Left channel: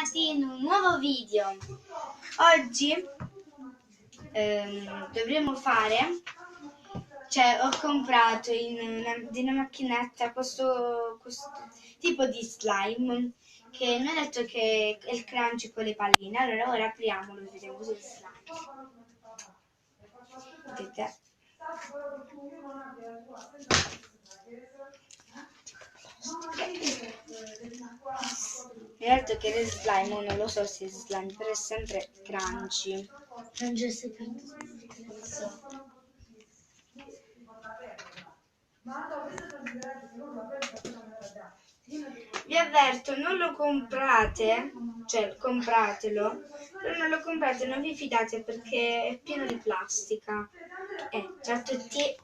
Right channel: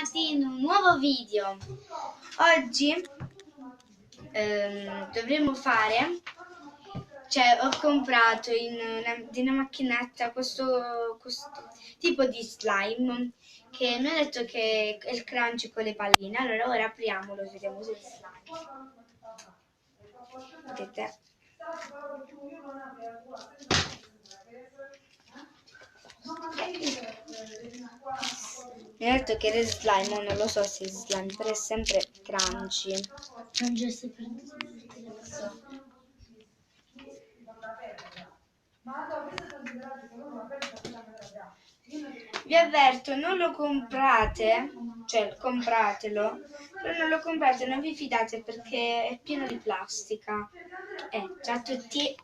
bentornati in un nuovo video. Oggi dovremo fare, ho comprato di una macchinetta questo tipo di slime che mi ha detto che è il crunchy con le palline. Allora ora apriamolo e vediamo se è slime. Vedete? Mi ha detto che è slime, non lo so se è slime, però è sempre crunchy. Non c'è segreto. Vi avverto, non lo comprate, cioè compratelo, però non lo comprate, non vi fidate perché è pieno di plastica. Ciao a tutti.